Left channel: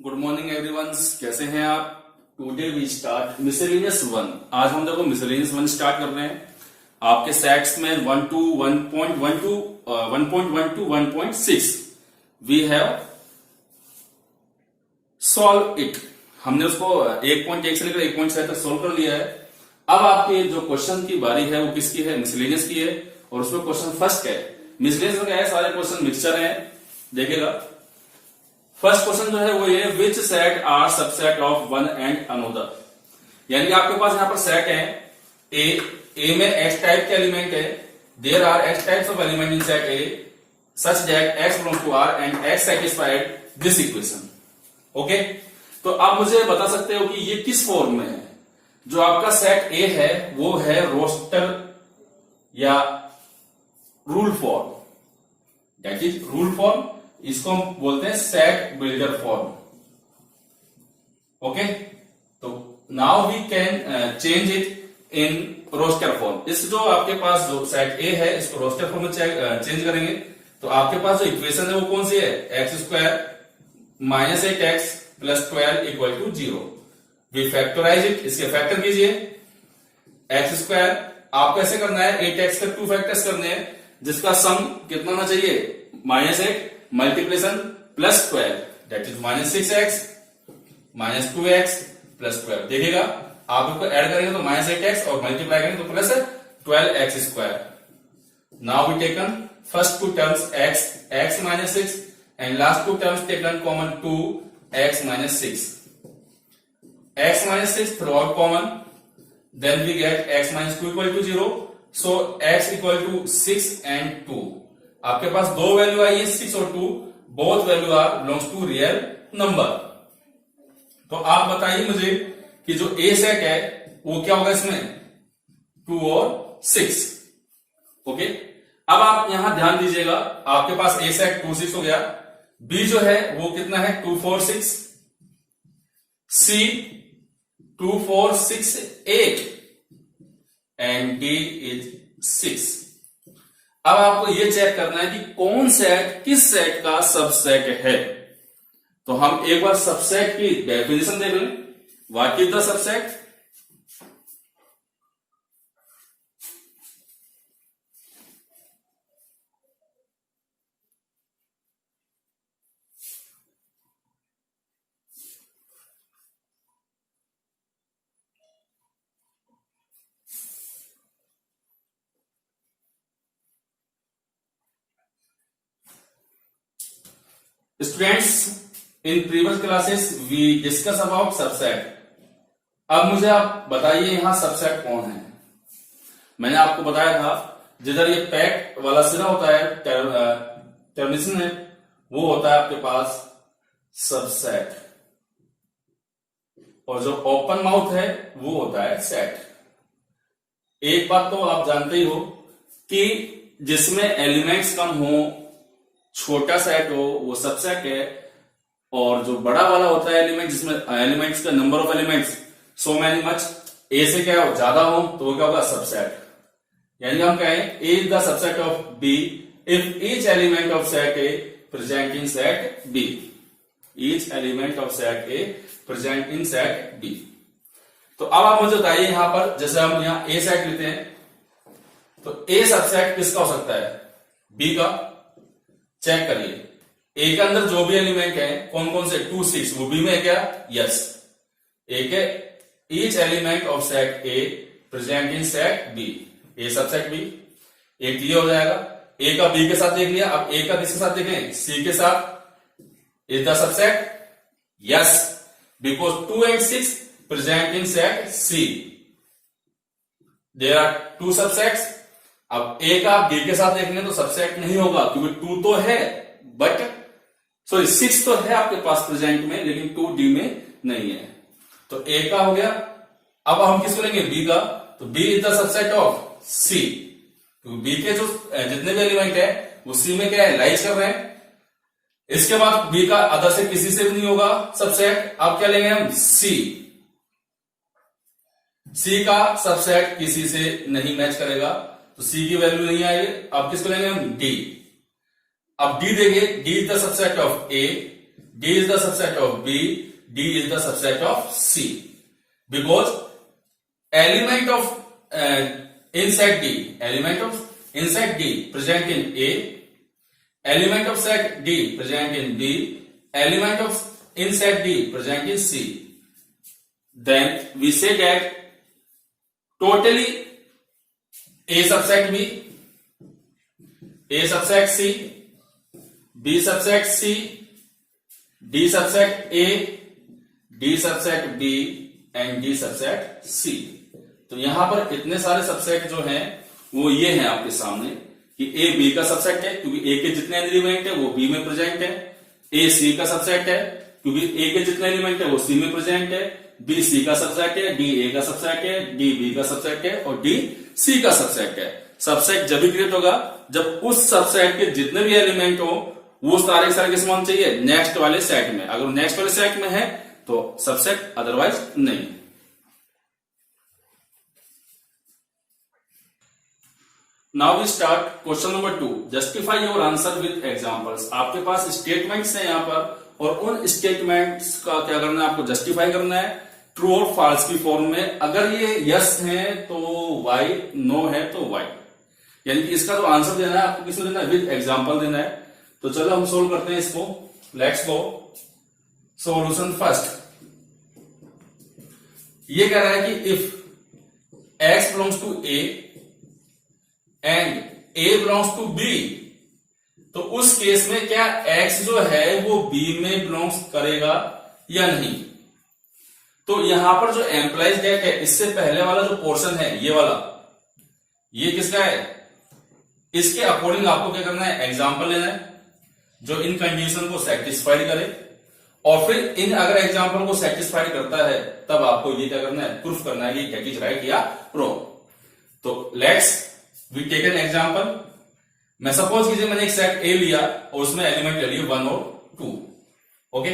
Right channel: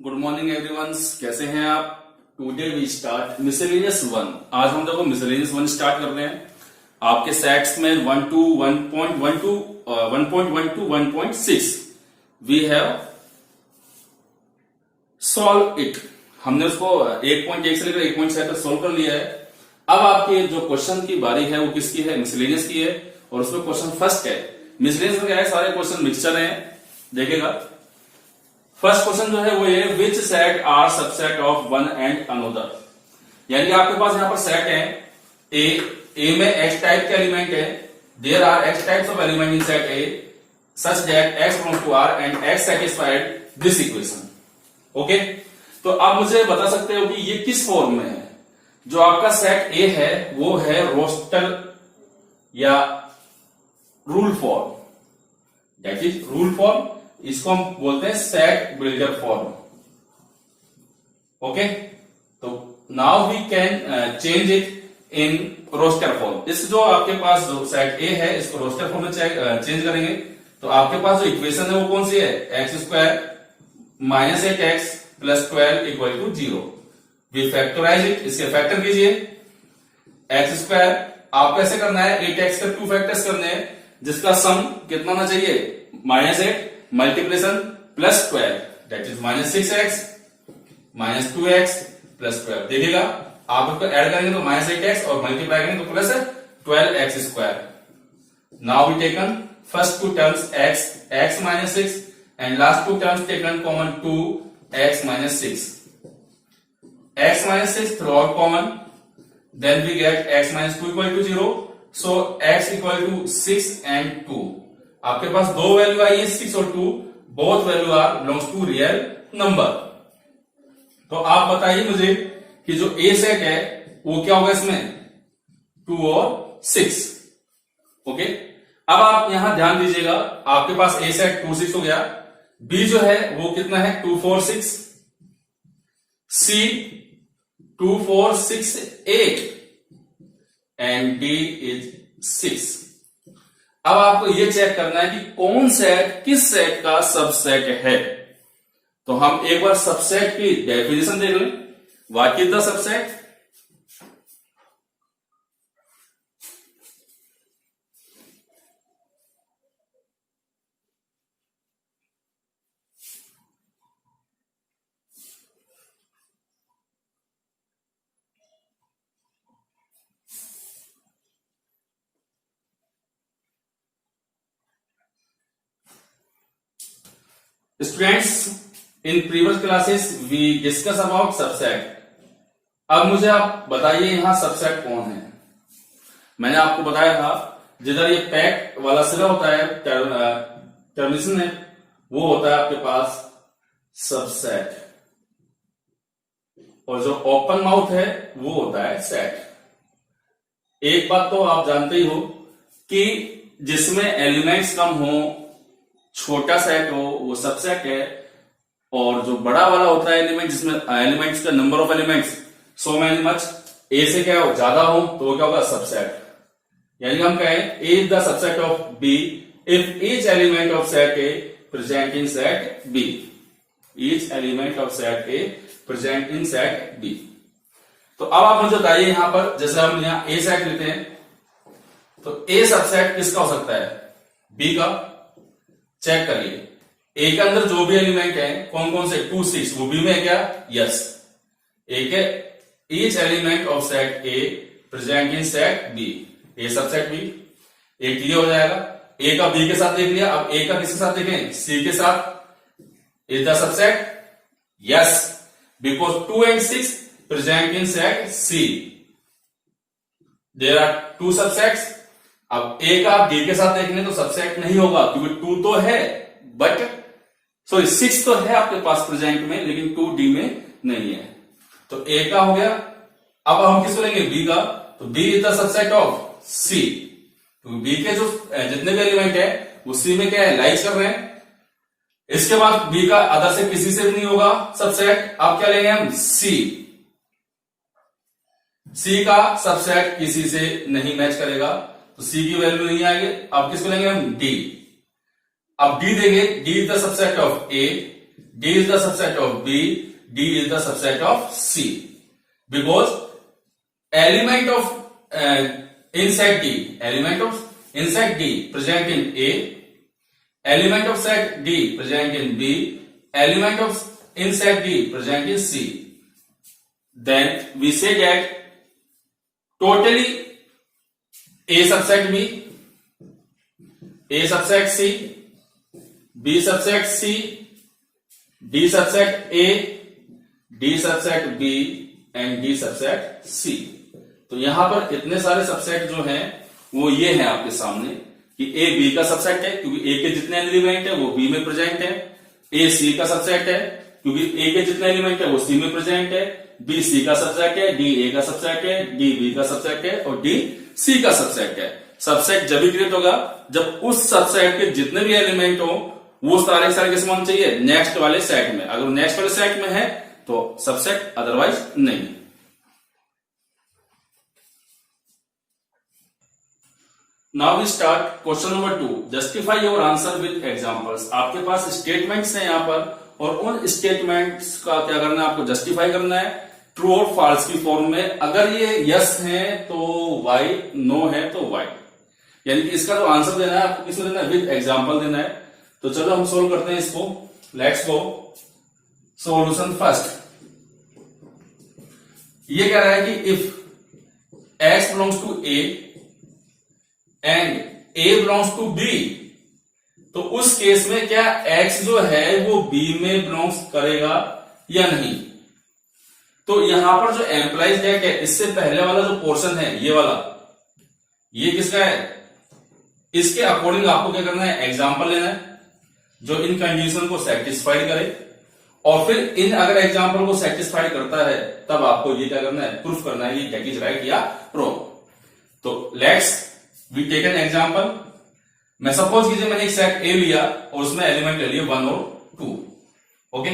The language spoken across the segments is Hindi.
गुड मॉर्निंग एवरीवन, कैसे हैं आप। Today we start miscellaneous 1। आज हम देखो मिसलेनियस 1 स्टार्ट कर रहे हैं। आपके सेट्स में 1 to 1.1 to 1.1 to 1.6 we have solve it. हमने उसको 1.1 से लेकर 1.7 तक सॉल्व कर लिया है। अब आपके जो क्वेश्चन की बारी है वो किसकी है, मिसलेनियस की है। और उसमें क्वेश्चन फर्स्ट है। मिसलेनियस में क्या है, सारे क्वेश्चन मिक्सचर हैं, देखिएगा। फर्स्ट क्वेश्चन जो है वो ये, which set are subset of one and another. यानी आपके पास यहां पर सेट है ए में एक्स टाइप के एलिमेंट है। There are X types of element in set A such that X belongs to R and X satisfied this equation. Okay, तो आप मुझे बता सकते हो कि ये किस फॉर्म में है। जो आपका सेट ए है वो है रोस्टर या rule form, that is rule form. इसको हम बोलते हैं सेट बिल्डर फॉर्म। ओके, तो now we can change it in roster form. इस जो आपके पास जो सेट ए है इसको रोस्टर फॉर्म में चेंज करेंगे। तो आपके पास जो इक्वेशन है वो कौन सी है, x square minus 8x plus 12 equal to 0। We factorize it, इसके फैक्टर कीजिए। एक्स स्क्वायर आपको ऐसे करना है, 8x के 2 फैक्टर्स करने हैं, जिसका सम कितना होना चाहिए, -8 multiplication plus 12 that is -6x minus 2x plus 12। देखिएगा आप इसको ऐड करेंगे तो -8x और मल्टीप्लाई करेंगे तो plus 12x square. Now we taken first 2 terms x minus 6 and last 2 terms taken common 2x minus 6। x minus 6 through out common, then we get x minus 2 equal to 0। So x equal to 6 and 2। आपके पास दो वैल्यू आई है 6 और 2, both value are belongs to real number. तो आप बताइए मुझे कि जो ए सेट है वो क्या होगा इसमें, 2 और 6। ओके, अब आप यहां ध्यान दीजिएगा, आपके पास ए सेट 2 6 हो गया, बी जो है वो कितना है 2 4 6, सी 2 4 6 8 एंड डी इज 6। अब आपको यह चेक करना है कि कौन सेट किस सेट का सबसेट है। तो हम एक बार सबसेट की डेफिनेशन देख लें। What is the subset. Students, in previous classes we discuss about subset. अब मुझे आप बताइए यहां सबसेट कौन है। मैंने आपको बताया था जिधर ये पैक वाला सिरा होता है, टर्मिनेशन है, वो होता है आपके पास सबसेट, और जो ओपन माउथ है वो होता है सेट। एक बात तो आप जानते ही हो कि जिसमें एलिमेंट्स कम हो, छोटा सेट हो, वो सबसेट है। और जो बड़ा वाला होता है एलिमेंट, जिसमें एलिमेंट्स का number of elements so many much, A से क्या हो ज्यादा हो तो वो क्या होगा, सबसेट। यानी हम कहें A is the subset of B if each element of set A present in set B. Each element of set A present in set B. तो अब आप मुझे बताइए यहां पर, जैसे हम यहां ए सेट लेते हैं, तो ए सबसेट किसका हो सकता है, बी का। चेक करिए, ए के अंदर जो भी एलिमेंट है कौन कौन से, 2 6, वो बी में है क्या, यस। ए के each element of set A present in set B, A subset B. A clear हो जाएगा, ए का बी के साथ देख लिया। अब ए का किसके साथ देखें, सी के साथ। Is the subset, yes, because 2 and 6 present in set C. There are 2 subsets. अब ए का बी के साथ देखेंगे तो सबसेट नहीं होगा, क्योंकि 2 तो है, बट सॉरी 6 तो है आपके पास प्रेजेंट में, लेकिन 2 डी में नहीं है। तो ए का हो गया। अब हम किसको लेंगे, बी का। तो B is the subset of C. तो बी के जो जितने भी एलिमेंट है वो सी में क्या है, लाइज कर रहे हैं। इसके बाद बी का अदर से किसी से भी नहीं होगा सबसेट। अब क्या लेंगे हम, सी। सी का सबसेट किसी से नहीं मैच करेगा, तो सी की वैल्यू नहीं आएगी। अब किसको लेंगे हम, डी। अब डी देंगे, D is the subset of A D is the subset of B, D is the subset of C. Because element of inside D present in A, element of set D present in B, element of inside D present in C. Then we say that totally A subset B, A subset C, B subset C, D subset A, D subset B and D subset C. तो यहां पर इतने सारे सबसेट जो हैं वो ये हैं आपके सामने कि A B का सबसेट है क्योंकि A के जितने एलिमेंट है वो B में प्रेजेंट है, A C का सबसेट है क्योंकि A के जितने एलिमेंट है वो C में प्रेजेंट है, B C का सबसेट है, D A का सबसेट है, D B का सबसेट है और D C का सबसेट है. सबसेट जब भी क्रिएट होगा जब उस सबसेट के जितने भी एलिमेंट हो वो सारे सारे किस में होने चाहिए, नेक्स्ट वाले सेट में. अगर नेक्स्ट वाले सेट में है तो सबसेट, अदरवाइज नहीं. Now we start question number 2. Justify your answer with examples. आपके पास स्टेटमेंट्स हैं यहां पर और उन स्टेटमेंट्स का क्या करना है, आपको जस्टिफाई करना है ट्रू और फॉल्स की फॉर्म में. अगर ये यस है तो वाई, नो है तो वाई. यानी कि इसका जो आंसर देना है आपको किसमें देना है, विद एग्जांपल देना है. तो चलो हम सोल्व करते हैं इसको. Let's go. Solution first. ये कह रहा है कि if x belongs to A and A belongs to B, तो उस केस में क्या एक्स जो है वो बी में बिलोंग्स करेगा या नहीं. तो यहां पर जो एम्प्लाइज डेट है इससे पहले वाला जो पोर्शन है ये वाला, ये किसका है, इसके अकॉर्डिंग आपको क्या करना है, एग्जाम्पल लेना है जो इन कंडीशन को सेटिस्फाइड करे और फिर इन अगर एग्जाम्पल को सेटिस्फाइड करता है तब आपको ये क्या करना है, प्रूफ करना है कि दैट इज राइट या रॉन्ग. तो let's we take an example. मैं सपोज कीजिए मैंने एक सेट ए लिया और उसमें एलिमेंट ले लिए 1 और 2. ओके,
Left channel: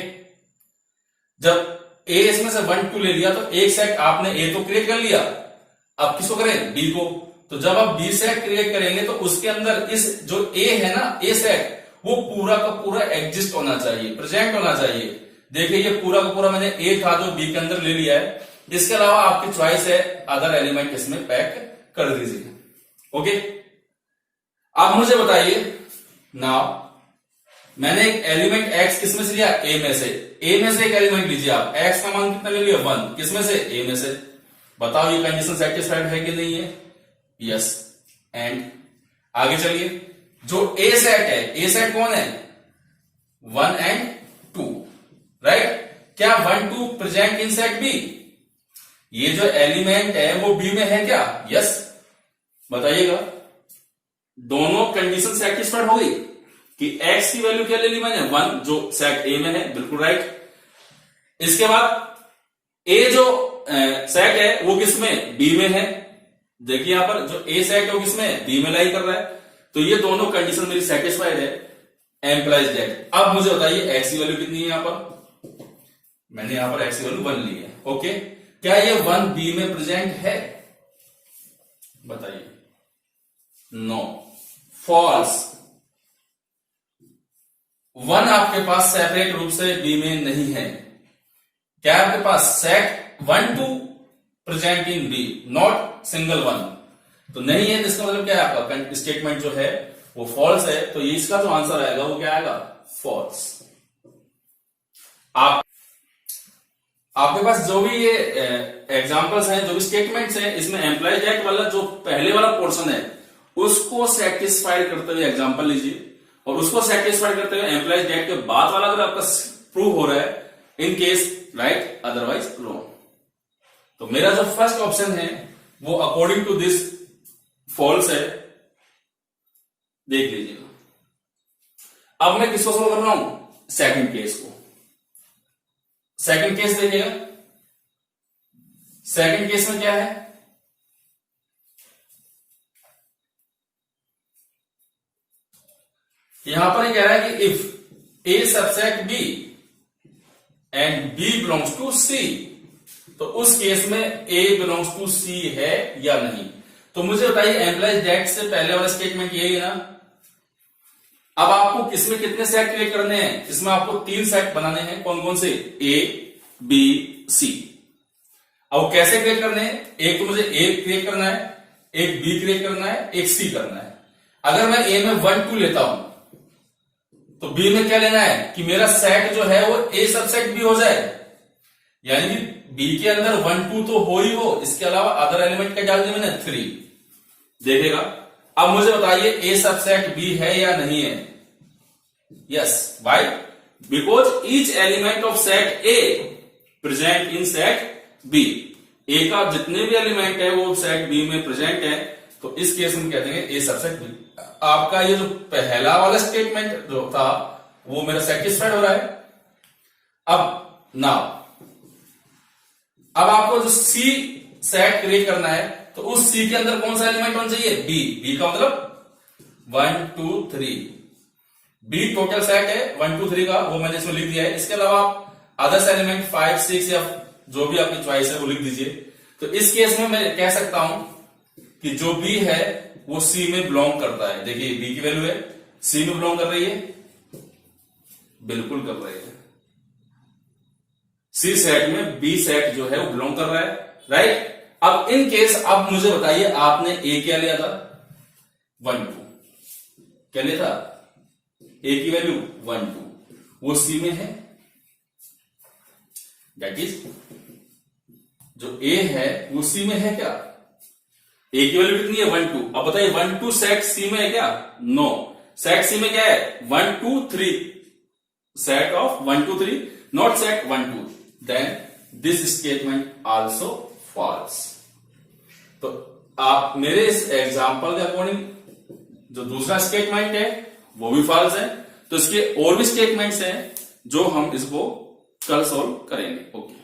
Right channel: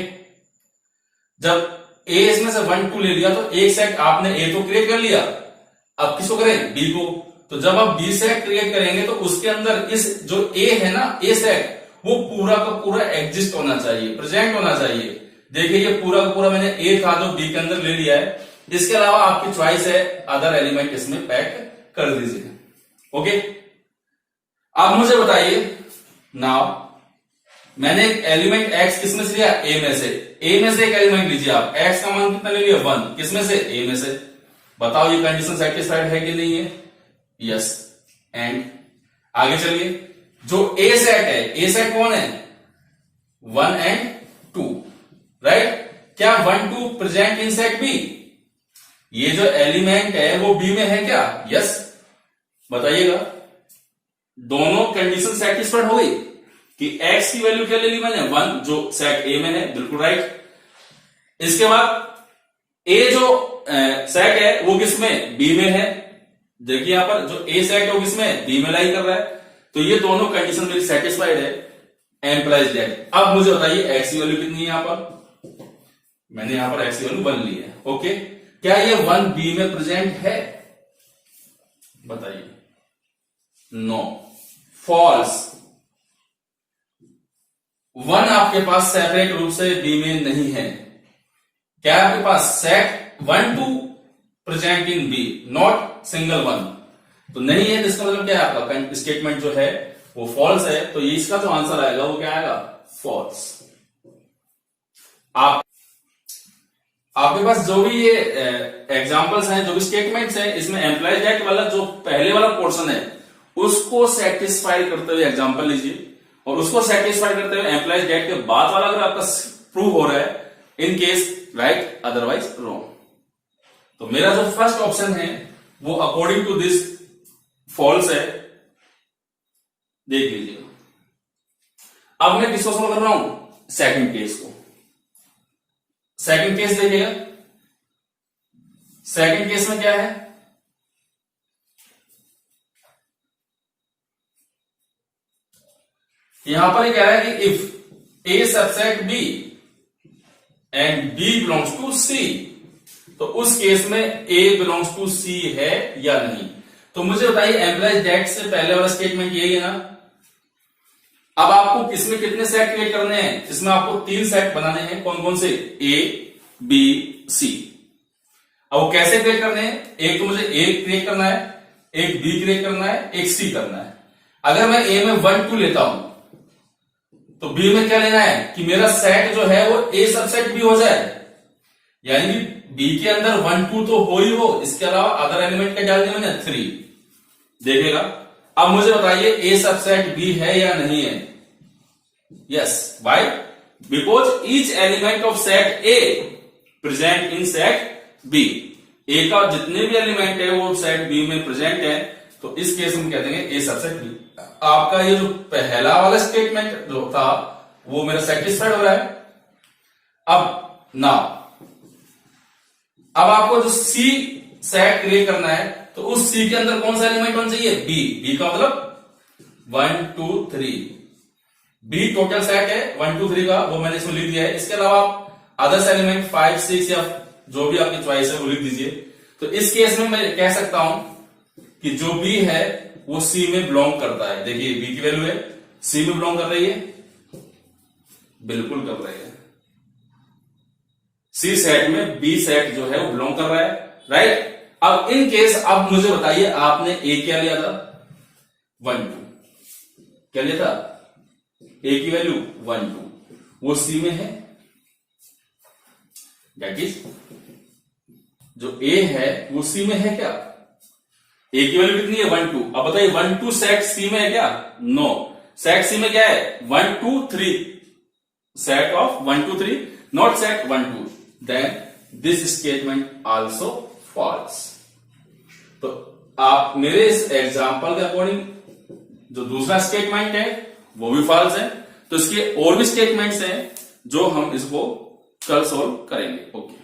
जब ए इसमें से 1 2 ले लिया तो एक सेट आपने ए तो क्रिएट कर लिया, अब किसको करें, बी को. तो जब आप बी सेट क्रिएट करेंगे तो उसके अंदर इस जो ए है ना, ए सेट वो पूरा का पूरा एग्जिस्ट होना चाहिए, प्रेजेंट होना चाहिए. देखिए ये पूरा का पूरा मैंने ए था जो बी के अंदर ले लिया है. इसके अलावा आपकी चॉइस है अदर एलिमेंट इसमें पैक कर दीजिए. ओके, अब मुझे बताइए नाउ मैंने एक एलिमेंट एक्स किसमें से लिया, ए में से. ए में से एक एलिमेंट लीजिए आप, एक्स का मान कितना ले लिया, 1. किसमें से, ए में से. बताओ ये कंडीशन सेटिस्फाइड है कि नहीं है, यस. एंड आगे चलिए, जो ए सेट है, ए सेट कौन है, 1 एंड 2, राइट. क्या 1 2 प्रेजेंट इन सेट बी, ये जो एलिमेंट है वो बी में है क्या, यस. बताइएगा दोनों कंडीशन सेटिस्फाइड हो गई कि x की वैल्यू क्या ले ली मैंने, 1 जो सेट ए में है, बिल्कुल राइट. इसके बाद ए जो सेट है वो किसमें, बी में है. देखिए यहां पर जो ए सेट है वो किसमें, बी में लाई कर रहा है. तो ये दोनों कंडीशन मेरी सेटिस्फाइड है. Implies that. अब मुझे बताइए x की वैल्यू कितनी है, यहां पर मैंने यहां पर x की वैल्यू 1 ली है. ओके, क्या ये 1 बी में प्रेजेंट है, बताइए. No, false. 1 आपके पास सेपरेट रूप से बी में नहीं है. क्या आपके पास set 1 2 present in B, not single 1, तो नहीं है. तो इसका मतलब क्या है, आपका स्टेटमेंट जो है वो फॉल्स है. तो ये इसका जो आंसर आएगा वो क्या आएगा, फॉल्स. आपके पास जो भी ये एग्जांपल्स हैं, जो भी स्टेटमेंट्स हैं, इसमें एम्प्लॉय डेट वाला जो पहले वाला पोर्शन है उसको सेटिस्फाई करते हुए एग्जांपल लीजिए और उसको सेटिस्फाई करते हुए एम्प्लॉय डेट के बाद वाला अगर आपका प्रूव हो रहा है, in case right otherwise wrong. तो मेरा जो फर्स्ट ऑप्शन है वो अकॉर्डिंग टू दिस फॉल्स है. देख लीजिए. अब मैं किसको सोल्व कर रहा हूं, सेकंड केस को. सेकंड केस देखिएगा. सेकंड केस में क्या है, यहां पर क्या है कि if A subset B and B belongs to C, तो उस केस में ए बिलोंग्स टू सी है या नहीं. तो मुझे बताइए एम्प्लॉय डेट से पहले वाला स्टेटमेंट यही है ना, अब आपको इसमें कितने सेट क्रिएट करने हैं? इसमें आपको 3 सेट बनाने हैं। कौन कौन से? ए, बी, सी। अब वो कैसे क्रिएट करने हैं? एक तो मुझे ए क्रिएट करना है, एक बी क्रिएट करना है, एक सी करना है। अगर मैं ए में 1 2 लेता हूं तो बी में क्या लेना है कि मेरा सेट जो है वो ए सबसेट बी हो जाए, यानी कि बी के अंदर 1 2 तो हो ही हो, इसके अलावा अदर एलिमेंट क्या डाल दिया मैंने? 3। देखेगा। अब मुझे बताइए ए सबसेट बी है या नहीं है? Yes. Why? Because each element of set A present in set B. A का जितने भी एलिमेंट है वो सेट बी में प्रेजेंट है, तो इस केस में कहते हैं ए सबसेट बी। आपका ये जो पहला वाला स्टेटमेंट जो था वो मेरा सेटिस्फाइड हो रहा है। अब नाउ अब आपको जो सी सेट क्रिएट करना है, तो उस सी के अंदर कौन सा एलिमेंट होना चाहिए? बी। बी का मतलब 1 2 3। बी टोटल सेट है 1 2 3 का, वो मैंने इसमें लिख दिया है। इसके अलावा अदर्स एलिमेंट 5 6 या जो भी आपकी चॉइस है वो लिख दीजिए। तो इस केस में मैं कह सकता हूं कि जो बी है वो सी में बिलोंग करता है। देखिए बी की वैल्यू है, सी में बिलोंग कर रही है, बिल्कुल कर रही है। सी सेट में बी सेट जो है वो बिलोंग कर रहा है, राइट। अब इन केस अब मुझे बताइए, आपने ए क्या लिया था? 1 2। क्या लिया था? ए की वैल्यू 1 2, वो सी में है, दैट इज जो ए है वो सी में है क्या? ए की वैल्यू कितनी है? 1 2। अब बताइए 1 2 सेट सी में है क्या? नो। सेट सी में क्या है? 1 2 3, set of 1 2 3, not set 1 2। Then this statement also false. तो आप मेरे इस एग्जांपल के अकॉर्डिंग जो दूसरा स्टेटमेंट है वो भी फॉल्स है। तो इसके और भी स्टेटमेंट्स हैं जो हम इसको कल सॉल्व करेंगे। ओके।